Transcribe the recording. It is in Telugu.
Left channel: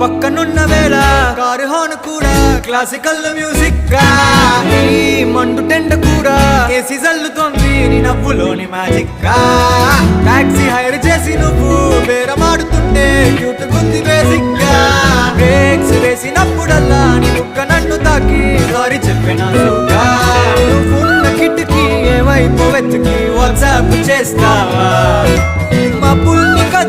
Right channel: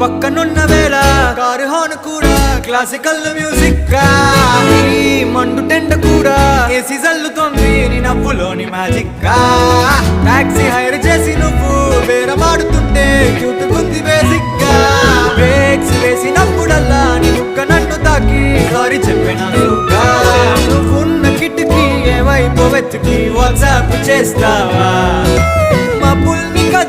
పక్కనున్న వేళ కారు హార్న్ కూడా క్లాసికల్ మ్యూజిక్ గా ఈ మండు టెండ కూడా ఏసీ జల్లుతోంది నీ నవ్వులోని మ్యాజిక్ గా టాక్సీ హైర్ చేసి నువ్వు బేరమాడుతుంటే క్యూట్ గుంది బేసిక్ గా బ్రేక్స్ వేసినప్పుడల్లా నీ బుగ్గ నన్ను తాకి సారీ చెప్పినానుగా నువ్వున్న కిటికీ ఏ వైపు వెతికి వాట్సాప్ చేస్తావా మా పుల్ని